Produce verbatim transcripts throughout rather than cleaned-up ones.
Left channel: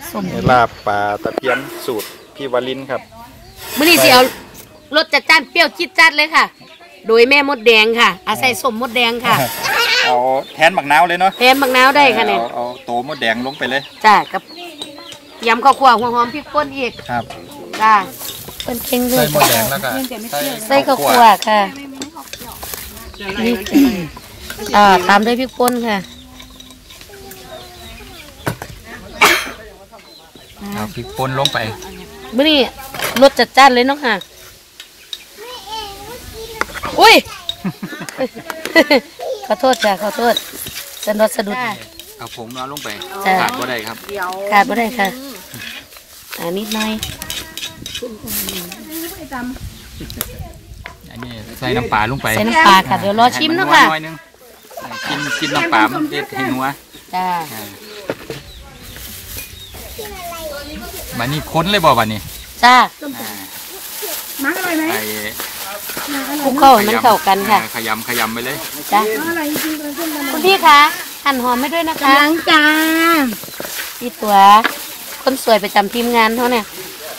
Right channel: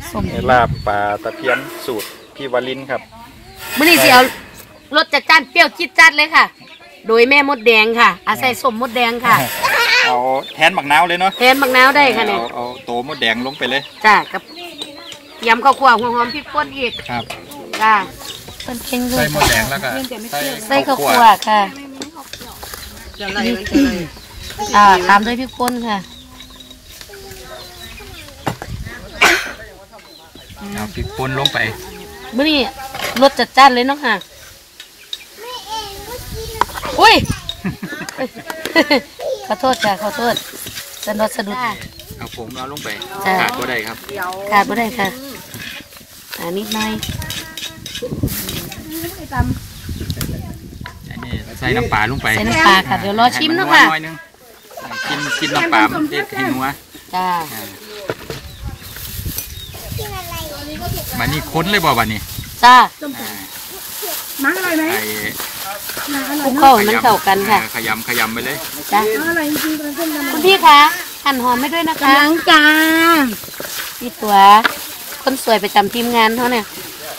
ลาบปลาตะเพียนสูตรพี่วลินครับมื้อนี้สิเอารสจัดจ้านเปรี้ยวจิ๊ดจัดเลยค่ะโดยแม่มดแดงค่ะอาศัยสมมดแดงค่ะเอาแทนบักนาวเลยเนาะแทนบักนาวได้ค่ะเนี่ยเอาโตมดแดงลงไปเลยจ้ากับยำข้าวคั่วหัวหอมพริกป่นอีกครับจ้าเป็นเค็งเลยใส่มดแดงแล้วก็ใส่ข้าวคั่วค่ะนี่อ่าตามด้วยพริกป่นค่ะเอาพริกป่นลงไปมื้อนี้รสจัดจ้านเลยเนาะค่ะอุ้ยขอโทษค่ะขอโทษสะดุดสะดุดเอาผงเอาลงไปขาดบ่ได้ครับขาดบ่ได้ค่ะอ่านิดหน่อยอันนี้ใส่น้ำปลาลงไปใส่น้ำปลาค่ะเดี๋ยวรอชิมเนาะค่ะกินกินน้ำปลามันจะให้นัวจ้าบัดนี้ค้นเลยบ่บัดนี้จ้ามาเลยไหมคลุกเข้ามันเข้ากันค่ะขยำขยำไปเลยจ้าคุณพี่คะหั่นหอมไม่ด้วยนะคะล้างจานพี่ตัวคนสวยประจำทีมงานเขาเนี่ย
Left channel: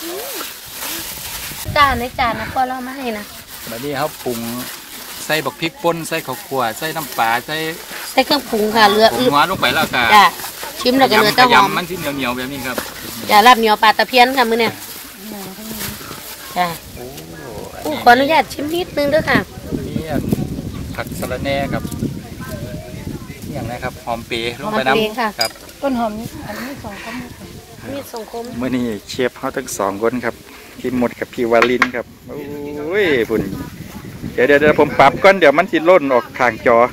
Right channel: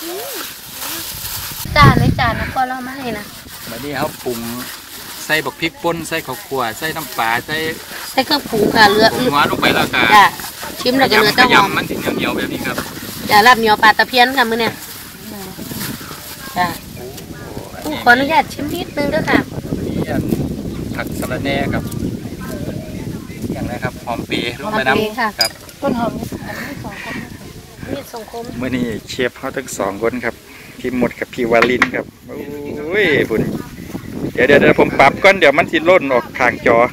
จานในจานนะพอเรามาให้นะบัดนี้เขาปรุงใส่บักพริกป่นใส่ข้าวคั่วใส่น้ำปลาใส่ใส่เครื่องปรุงค่ะเลือดหัวลงไปแล้วก็จ้าชิมแล้วก็เนื้อเต้าหอมมันเหนียวเหนียวแบบนี้ครับจ้าลาบเหนียวปลาตะเพียนค่ะมื้อเนี่ยจ้าขออนุญาตชิมนิดนึงด้วยค่ะนี่ผักสะระแหน่ครับอย่างไรครับหอมเปรี้ยลงไปน้ำครับต้นหอมนี่อันนี้สองคมนี่สองคมเมื่อนี้เชฟเขาทั้งสองคนครับพี่หมดกับพี่วาลินครับโอ้ยบุญเดี๋ยวเดี๋ยวผมปรับก่อนเดี๋ยวมันสิล่นออกข้างจอ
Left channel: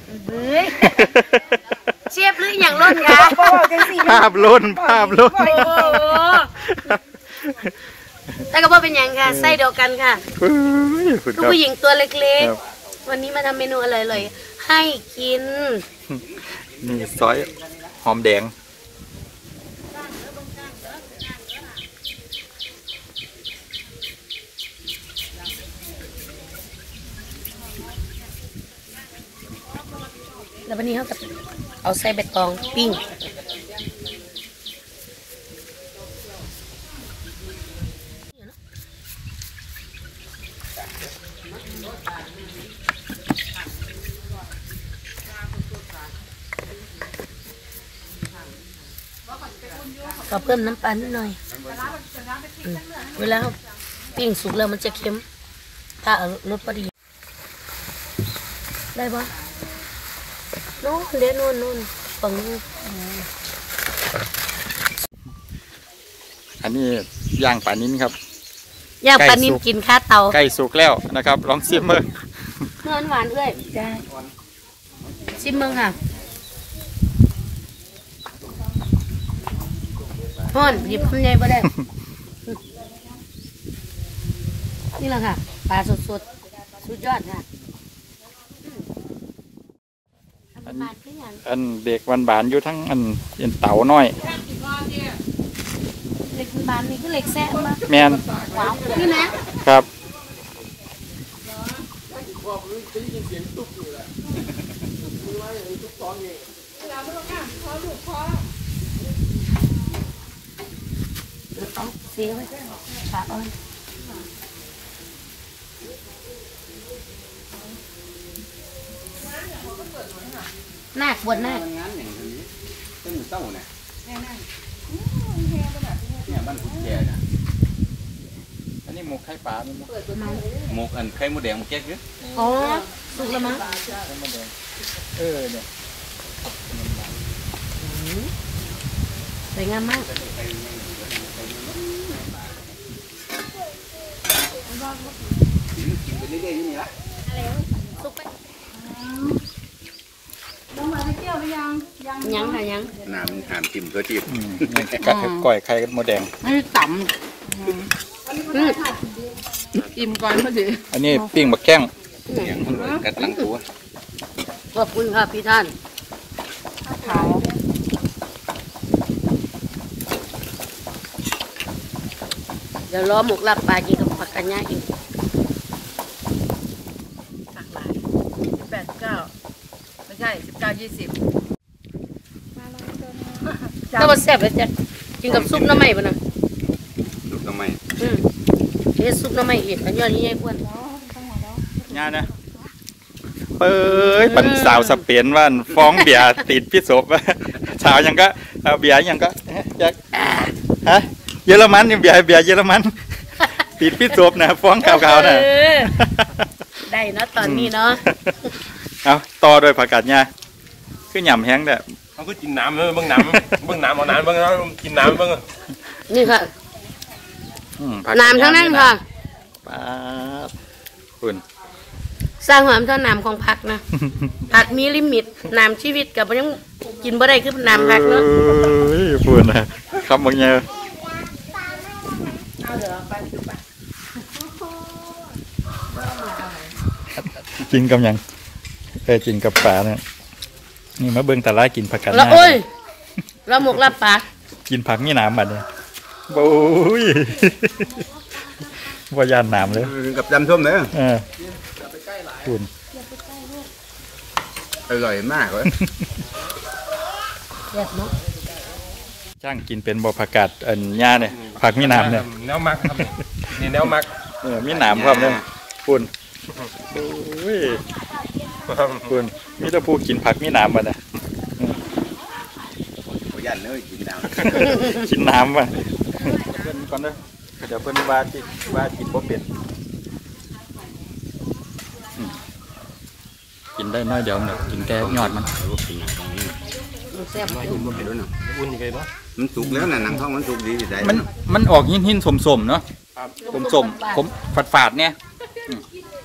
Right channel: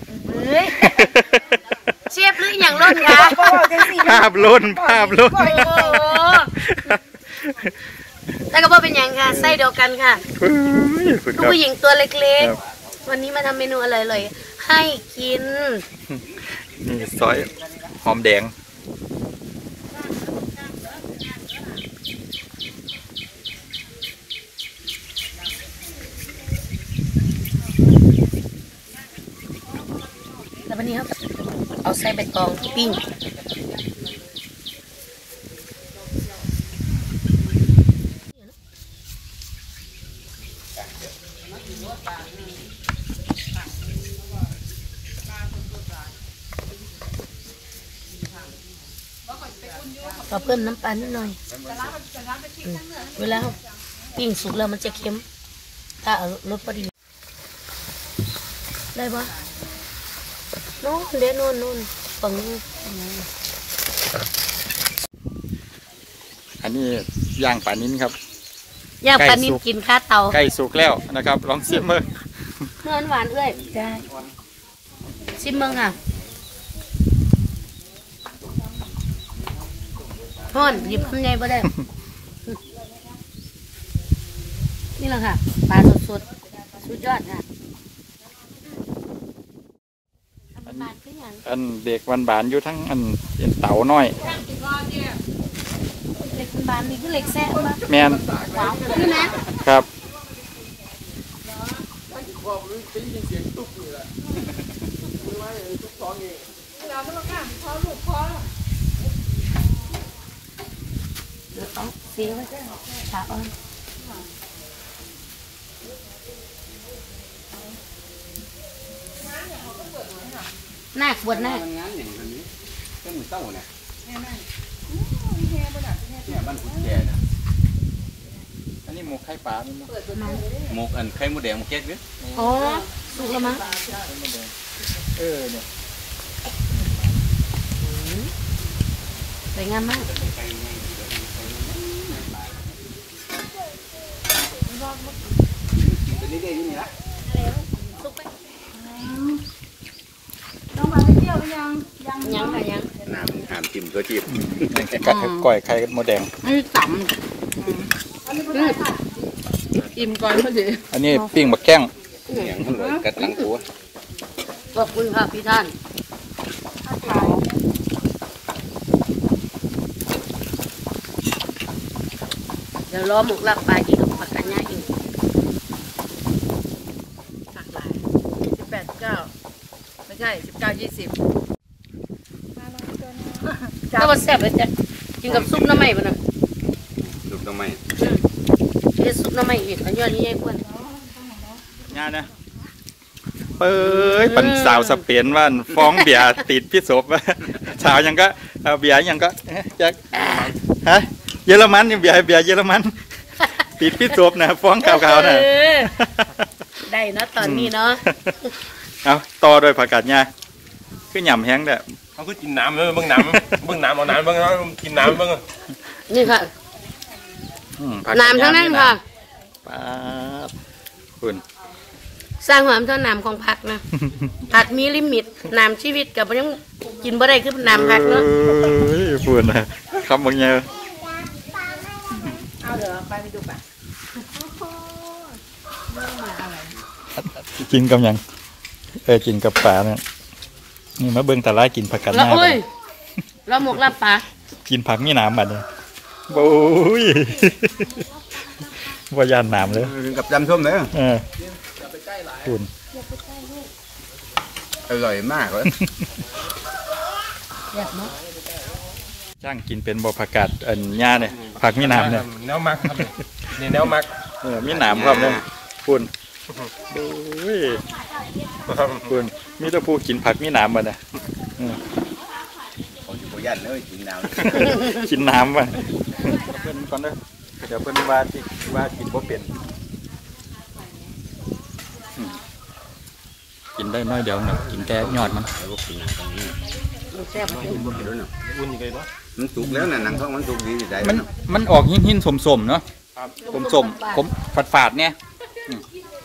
เชฟหรืออย่างล่นคะภาพล่นภาพล่นแต่ก็พอเป็นอย่างค่ะไส้เดียวกันค่ะผู้หญิงตัวเล็กๆวันนี้มาทำเมนูอะไรเลยให้กินนี่ซอยหอมแดงแล้ววันนี้เขาเอาใส่ใบตองปิ้งเราเพิ่มน้ำปลานิดหน่อยเวลาปิ้งสุกแล้วมันจะเค็มถ้าเอารสพอดีได้ปะโน่นเดี๋ยวโน่นโน่นฝั่งนู้นอันนี้ย่างปลานิ้นครับย่างปลานิ้นกินข้าเตาใกล้สุกแล้วนะครับลองชิมเมื่อเมื่อหวานเอ้ยได้ชิมเมื่อค่ะพ่นหยิบขึ้นใหญ่บ่ได้นี่แหละค่ะปลาสดสดสุดยอดค่ะอันเด็กวันบานอยู่ทั้งอันเป็นเต๋าน้อยเล็กบานนี่คือเล็กแซ่บมากแมนนี่นะครับเสียไว้ใช่ไหมขาอ่อนหน้าบวชหน้าเป็นหมูเต้าเนี่ยเนี่ยบ้านคุณแก่นะอันนี้หมูไข่ปลาไม่หมูหมูอันไข่หมูแดงหมูแก๊กหรืออ๋อสุกแล้วมั้งเออเนี่ยสวยงามมากเป็นนี่ได้ยังไงล่ะยังค่ะยังน้ำหามจิ้มตัวจิ้มกัดก่อยไข่หมูแดงอันนี้ต่ำอิ่มก่อนพอดีอันนี้ปิ้งบักแข้งกัดหลังตัวขอบคุณค่ะพี่ท่านเดี๋ยวล้อหมกลับปลาอีกกับผักกระยาอีกสิบแปดสิบเก้าไม่ใช่สิบเก้ายี่สิบแล้วก็แซ่บเลยจ้ะกินกับซุปน้ำไหม้ป่ะนะซุปน้ำไหม้อืมเฮ็ดซุปน้ำไหม้เองแล้วยอดนี่ไอ้อ้วนงานนะเอ้ยปันสาวสเปนว่าฟ้องเบียร์ติดพิษบสาวยังก็เอาเบียร์ยังก็จักฮะเยอรมันนี่เบียร์เบียร์เยอรมันติดพิษบนะฟ้องข่าวๆนะเออได้เนาะตอนนี้เนาะเอาต่อโดยผักกาดหญ้าคือหย่ำแห้งเด้อเขาคือกินน้ำเลยเบิ่งน้ำเบิ่งน้ำเอาน้ำเบิ่งน้ำกินน้ำเบิ่งนี่ค่ะอืมผักกาดหญ้าน้ำเท่านั้นค่ะป้าบคุณสร้างความเท่าน้ำของผักนะ ผักมีลิมิตน้ำชีวิตกับยังกินบ่ได้คือน้ำผักเนาะเอ้ยพูดนะคำบางอย่างกินกับหยังเออกินกับปลาเนี่ยนี่มาเบิ่งตาลากินผักกาดหแล้วญ้าโอ้ยแล้วหมกลาบปลากินผักนี่น้ำบัดเนี่ยโอ้ยว่ายานน้ำเลยกับจำส้มเลยเออคุณอร่อยมากเลยจ้างกินเป็นบ่ผักกาดอันหญ้าเนี่ยผักมีน้ำเนี่ยแนวมักครับนี่แนวมักเออมีน้ำครับเนี่ยคุณโอ้ยคุณมีแต่ผู้กินผักมีน้ำบัดเนี่ยยันเลยกินน้กินน้ำว่ะเพิ่นก่อนเด้อเดี๋ยวเพิ่นว่าที่ว่ากินบ่เป็นอืมกินได้น้อยเดียวเนาะกินแต่ยอดมันำกินน้ำตรงนี้แซ่บอุ่นไปเนาะมันสุกแล้วนะหนังเพราะมันสุกดีอยู่ได้มันมันออกหินหินสมสมๆเนาะสมสมๆผมฝาดฝาดๆเนี่ยอืม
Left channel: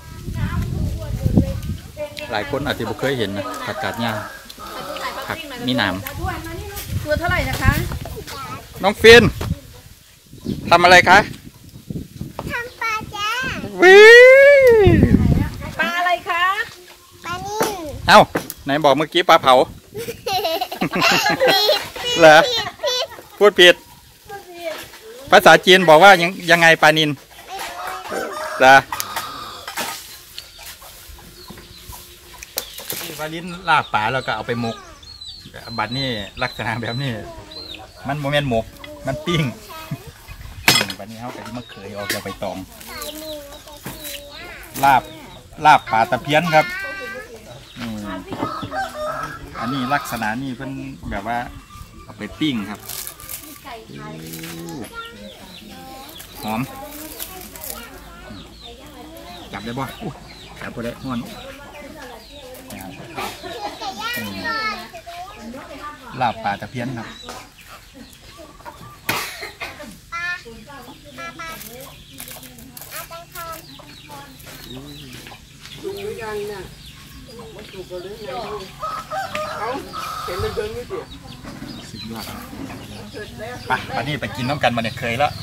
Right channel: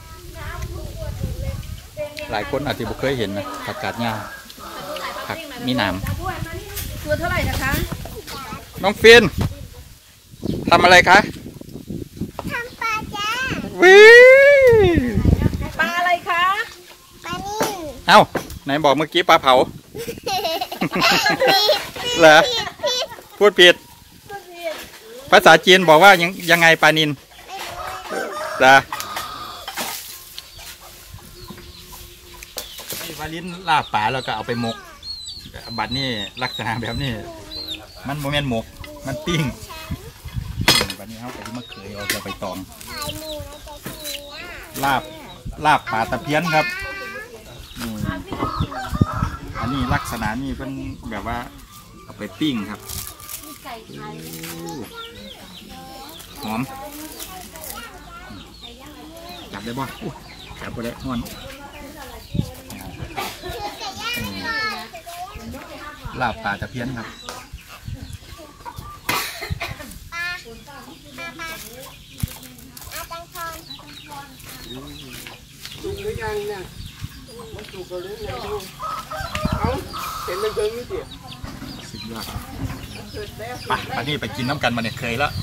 หลายคนอาจจะบ่เคยเห็นนะผักกาดหญ้าผักมีน้ำตัวเท่าไหร่นะคะน้องฟินทำอะไรคะทำปลาจ้าวิปลาอะไรคะปลานิ่มเอ้าไหนบอกเมื่อกี้ปลาเผา เหรอพูดผิด ภาษาจีนบอกว่ายังยังไงปลานินเหรอนี่วาลินลาบป่าแล้วก็เอาไปหมก บัดนี้ลักษณะแบบนี้ มันโมเมนต์หมก มันปิ้งอืมบัดนี้เขาแต่ที่มะเขือออกจากใบตอง ลาบลาบป่าตะเพียนครับนี่อันนี้ลักษณะนี่เป็นแบบว่าเอาไปปิ้งครับหอมจับได้บ่อุ๊ยจับบ่ได้ห้อนอืมลาบป่าตะเพียนครับสุดยอดไปป่านนี้ไปกินน้ำกันมาเนี่ยเคยแล้ว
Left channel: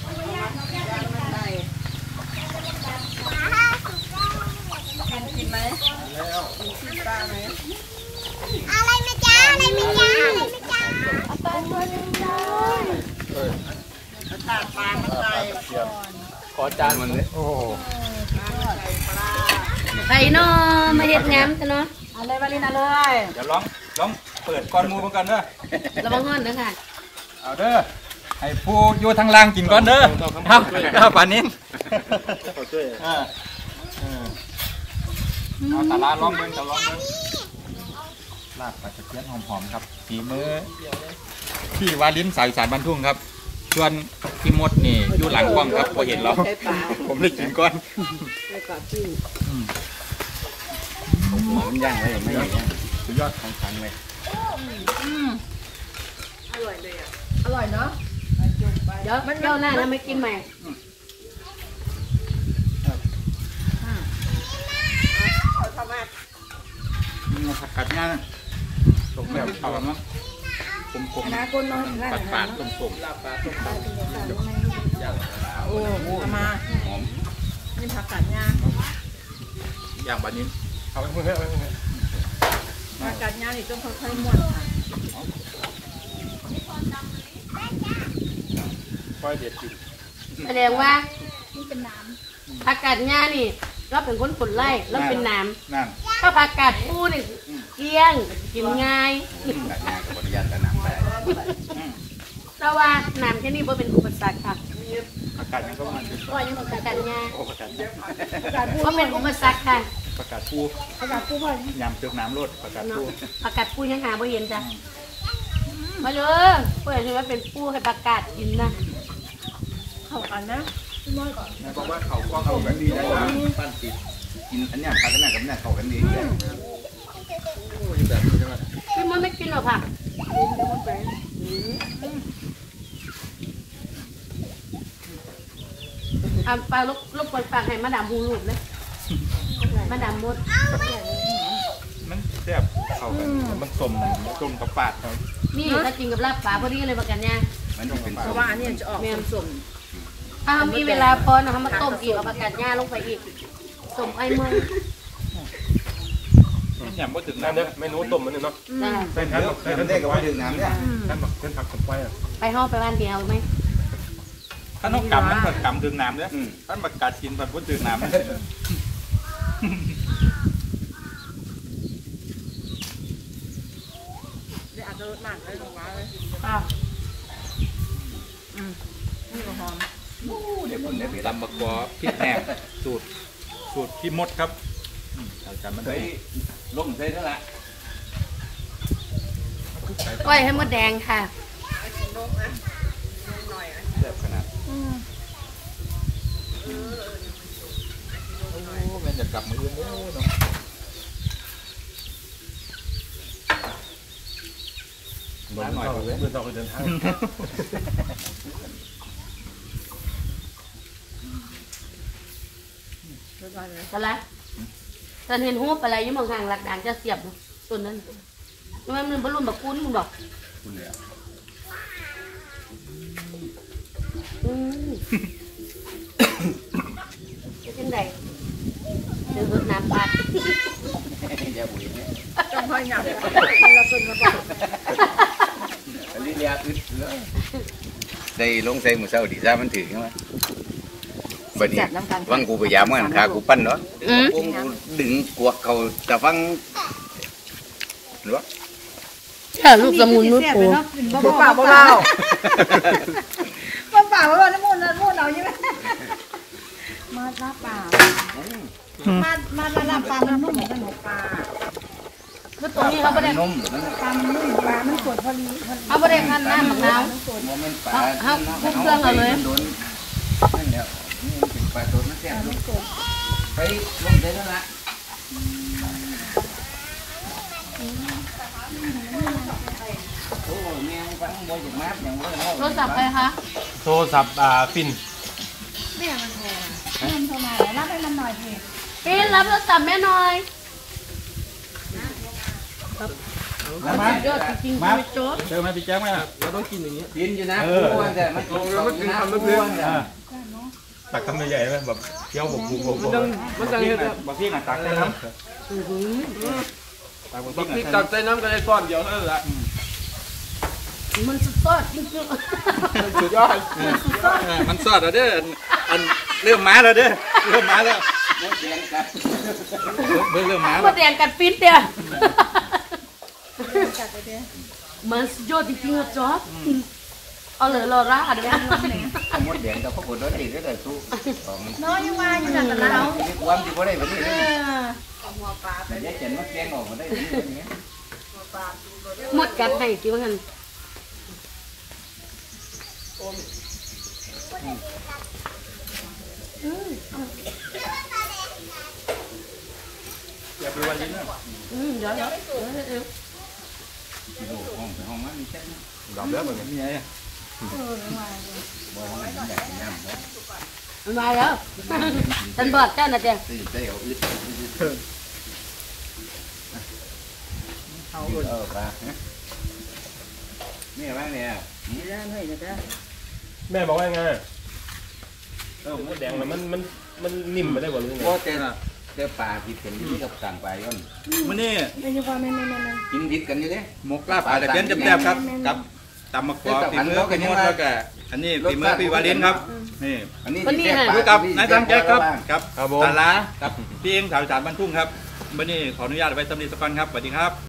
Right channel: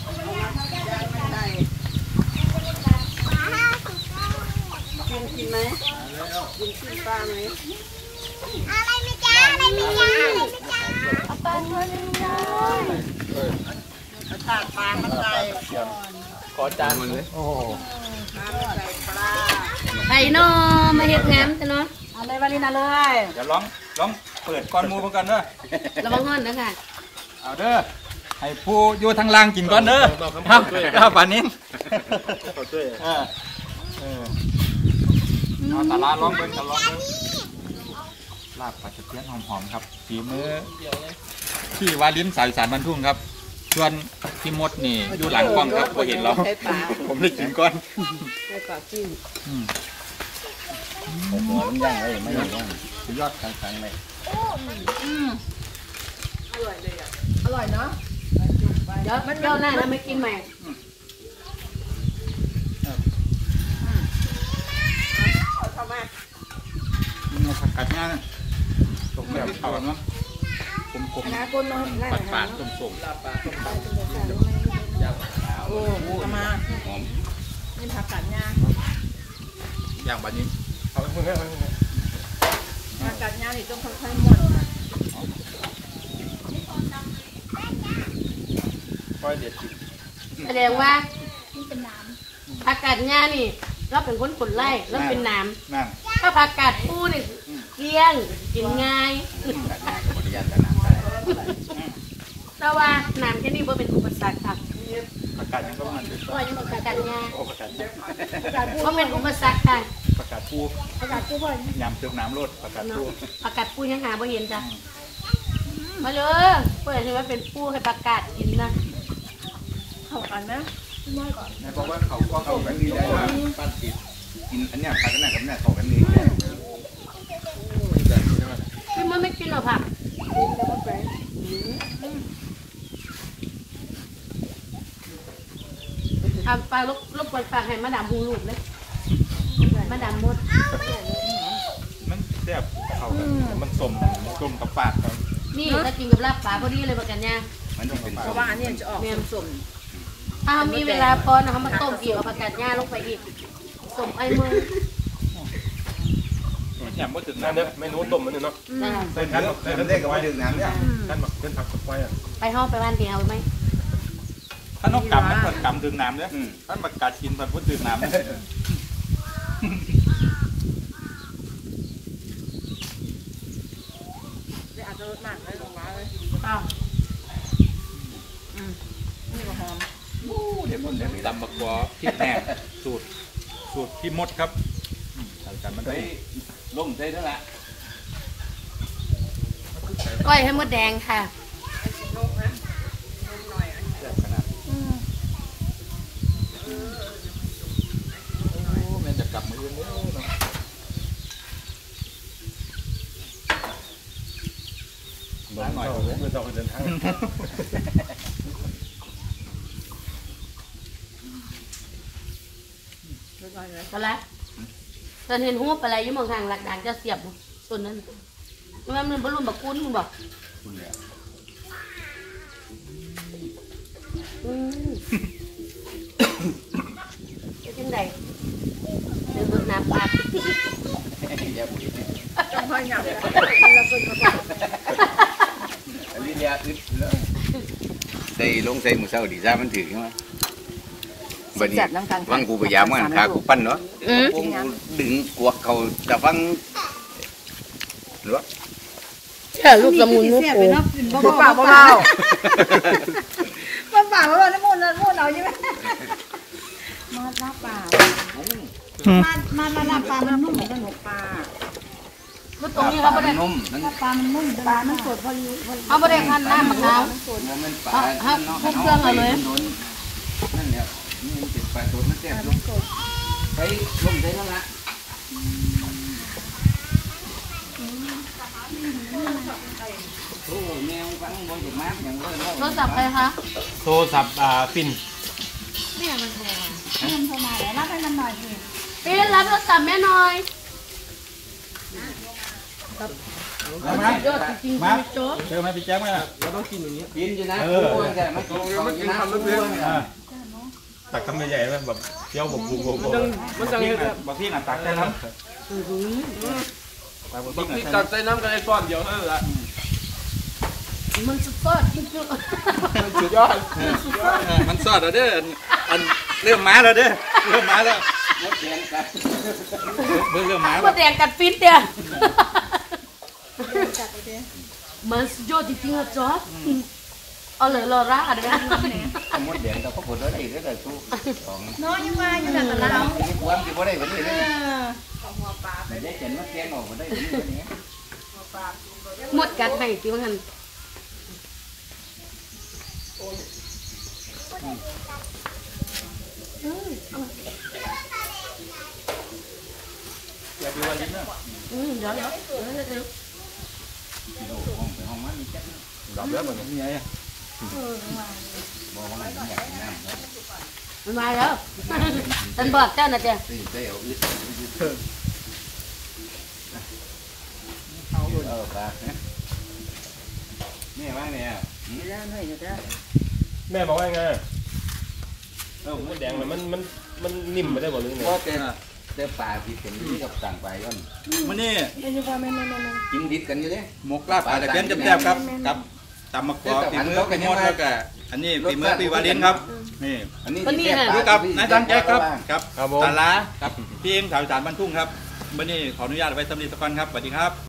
อะไรไหมจ้าอะไรไหมจ้าเอาปลาตัวนึงจ้าขอจานมันเลยโอ้ไข่นอมาเฮ็ดงามแต่เนาะเอาเลยมาเลยมาเลยเดี๋ยวลองลองเปิดก้อนหมูก่อนเด้อระวังห้อนนะค่ะเอาเด้อให้ผู้อยู่ทางล่างกินก่อนเด้อครับครับป่านนี้อ่าเออเอาตาลาลองเบิ้งตาลองเบิ้งลาบปลาตะเพียนหอมๆครับฝีมือที่วาลิ้นสายสารบรรทุ่งครับส่วนพี่มดนี่อยู่หลังกล้องครับพอเห็นเราผมเลยกินก่อนอืมหัวมันย่างเลยไม่ย่างสุดยอดของสังเลยอร่อยเนาะเดี๋ยวเจ้าหน้าแล้วไม่กินใหม่นี่มาผักกาดหญ้านะตกแบบเอาเนาะผมผมนะคนน้อยได้ปัดปาดต้มส้มลาบปลาต้มปลาโอ้เอามาหอมนี่ผักกาดย่างอย่างบานี้เอาไปเพื่อนผักกาดย่างนี่ต้องค่อยๆม้วนค่ะค่อยเด็ดจิแสดงว่าผักกาดหญ้านี่เราเป็นคนขนไล่เราเป็นน้นั่นำถ้าผักกาดปูนี่เกลี้ยงกินง่ายกัดหน้ากับบริยานกัดน้ำได้เราถ้าว่าน้ำแค่นี้บ่เป็นอุปสรรคค่ะอากาศยังต้องมันเป็นก็ยังประกาศงาโอ้อากาศประกาศปูเป็นอุปสรรคค่ะประกาศปูประกาศปูบ่อยยำเจือกน้ำรดประกาศปูประกาศปูยังหาบ่เห็นจ้ะมาเลยเพื่อนที่ว่าเป็นปูให้ประกาศกินนะเข้ากันนะนายบอกว่าเขาก็เข้ากันดีได้นะปั้นติดกินอันเนี้ยผักกันน่ะกับเนี่ยเข้ากันดีแบบนี้ใช่ไหมพี่มันไม่กินหรอกค่ะกินแต่ว่าแปลงอ่ะปลาลบลบปล่อยปากให้มาดามหูรูปเลยมาดามมดมันแซ่บเข้ากันมันสมสมกับปากเขานี่ถ้ากินกับลาบปลาพอดีเลยประกันเนี่ยมันต้องเป็นเพราะว่าอันนี้จะออกสมถ้ามีเวลาพอนะคะมาต้มอีกเอาประกันเนี่ยลงไปอีกสมไอ้มือมันยำว่าถึงนั่นน้ำเด้อเมนูต้มมันนี่เนาะจ้าใส่ท่านใส่ท่านได้กับว่าถึงน้ำเนี่ยท่านหมักเป็นผักสไปอ่ะไปห้องไปบ้านเดียวไหมถ้านกกำมันเปิดกำถึงน้ำเนี่ยถ้าประกาศกินมันพูดถึงน้ำๆอาจจะรสมากเลยลงมาเลยอ้าวอืมนี่ก็หอมเดี๋ยวคนเดี๋ยวตำบักกวอพริกแห้งสูตรสูตรพี่มดครับชาวจันทร์มันใส่ล่มใส่นั่นแหละก้อยให้มดแดงค่ะแซ่บขนาดโอ้แม่จะกลับมืออื่นเด้อเนาะล้างหน่อยเถอะเมื่อเราไปเดินทางรสร้อนเลยก็ละตอนเห็นหูปอะไรอยี่เมืองทางหลักด่างจะเสียบส่วนนั้นมันมันบรรลุบักกุ้นมึงบอกคุณเนี่ยอืมเป็นยังไงเดือดน้ำปลาอย่าบุยจ้องห้อยหนักมันละคนมาก่อนอันนี้ยาอึดแล้วใส่ลงใส่หมูเศร้าดีซ่ามันถือใช่ไหมบัดนี้ฟังกูพยายามมันขากูปั้นเนาะอืมกูดึงกวกเขาแต่ฟังหรือวะค่ะลูกละมุนลูกปูบ่เปล่าบ่เปล่ามาป่าว่าน้ำมันน้ำมันเอาใช่ไหมมาลาป่ามามาลาป่ามันนุ่มเหมือนกันหนูปลาคือตรงนี้เขาไม่ได้นุ่มมันปลามันนุ่มปลามันสดพอดีพอดีเขาไม่ได้พันหน้ามะนาวมันปลาเอาเอาคลุกเครื่องเอาเลยนั่นแหละนี่เป็นปลาตัวมันแซ่บลูกไปลงใส่นั่นแหละโอ้แมวฟังบ่อยมากอย่างเลยเนาะโทรศัพท์ใครคะโทรศัพท์อ่าปิ่นเริ่มเข้ามาแล้วรับให้มันหน่อยสิเอ๊ะรับโทรศัพท์แม่หน่อยมายอดจริงๆไม่จบเจอไหมพี่แจ๊คไหมเราต้องกินอย่างนี้กินอยู่นะกูแต่ไม่กินเขาอยู่นะกูเนี่ยตักคำใหญ่ๆไหมแบบเคี้ยวบกบุกบกมันจังมันจังเฮ็ดแบบพี่งานตักนะครับบักพริกตักใส่น้ำกันไอ้ก้อนเดียวนั่นแหละมันสุดยอดจริงสุดยอดมันสอดแล้วเด้ออันเริ่มมาแล้วเด้อเริ่มมาแล้วหมดแรงกันเบิ่งเริ่มมาๆแล้มาว แดงกัดฟิตเนี่ยมันสุดยอดจริงๆอะจ๊อบเอาเลยรอร่าเดี๋ยวเอาหมดแดงแต่พวกคนนั้นดีได้เลยสู้ของน้อยยังมาอยู่นั่นแต่เราความที่บ่ได้วันนี้เอเลยอแต่ยายเจนมาแกงออกมาได้วันนี้หมดกัดให้จริงมั้งอืมอย่าไปวันนี้นะอืมเดี๋ยวเดี๋ยวเดี๋ยวเดี๋ยวกิโลห้องไปห้องมันนี่จังดับแล้วมันนี่ไงบอกว่างั้นมันอยากกินน้ำเนาะมันมาแล้วฉันบอกเจ้าน่ะเจ้าตื่นเต้นเอาอึดเอาเออปลานี่ว่าไงอ่ะแม่บอกว่าไงเออมดแดงแล้วมันมันมันนิ่มไปได้บ่หรือไงโอเคเจอปลาที่เป็นที่กับต่างปลาย้อนมื้อนี้เป็นยังไงแม่แม่แม่แม่กินดิบกันอยู่เด้หมกลาบปลาตะเพียนแซ่บๆครับกับตำมะกอกฝีมือพี่มดแล้วก็อันนี้ฝีมือพี่วาลินครับนี่อันนี้ดูกับนายทางแจ๊คครับกับครับผมตาลากับพี่เองสาวสารบ้านทุ่งครับวันนี้ขออนุญาตไว้สำนีสักก่อนครับสวัสดีครับ